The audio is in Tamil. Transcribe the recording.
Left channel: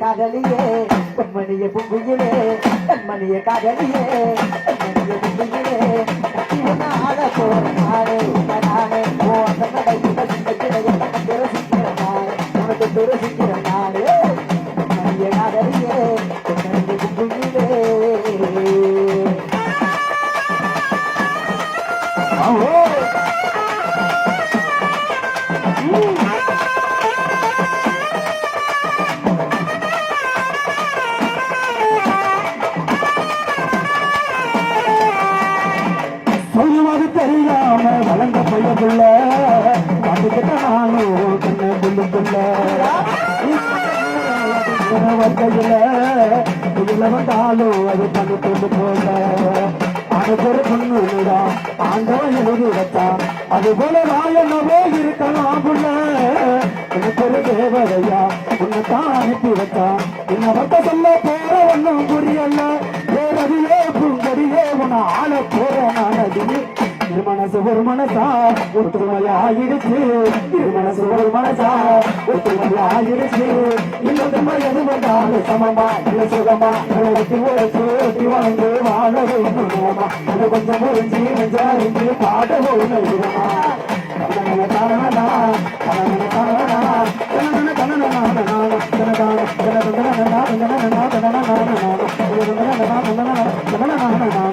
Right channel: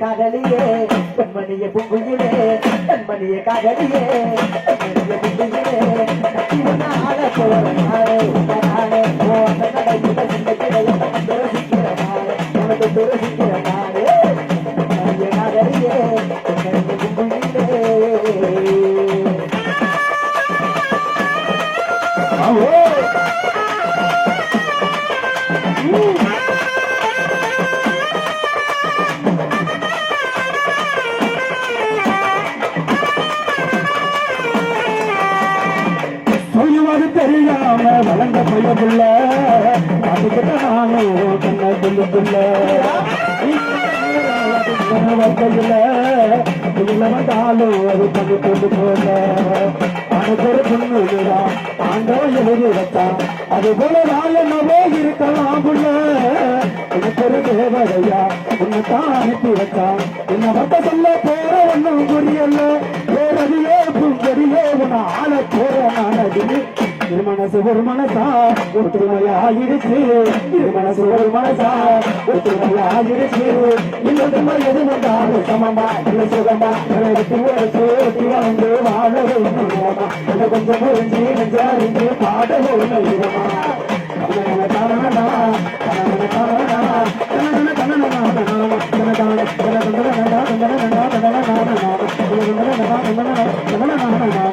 காதலியே பெண்மணிய பொங்குயிலே பெண்மணிய காதலியே சொல்வது தெரியாம வளர்ந்த பையனுள்ள அதுக்கிட்ட நானும் கண்ண சொல்லுக்குள்ள வந்தையில இதுல வந்தாலும் அது பண்ணி கொண்டு போல. அதுக்கு ஒரு ஆண்டவன் எழுதி வைத்தான் அது போல நான் என்னவோ இருக்கலாம் புள்ள உனக்கு ஒரு உன்னை தான் அனுப்பி வச்சான் உன்னை வட்ட சொல்ல போற ஒன்றும் புரியல பேரடியோ புங்கடியோ உன ஆள போற நானது திருமணசு ஒரு மனசா ஒற்றுமையாயிடுச்சு திருமணசு ஒரு மனசா எது வந்தாலும் சமமா சுகமா ஒரு சேர்த்து வந்து வாழ கொஞ்சம் Yeah.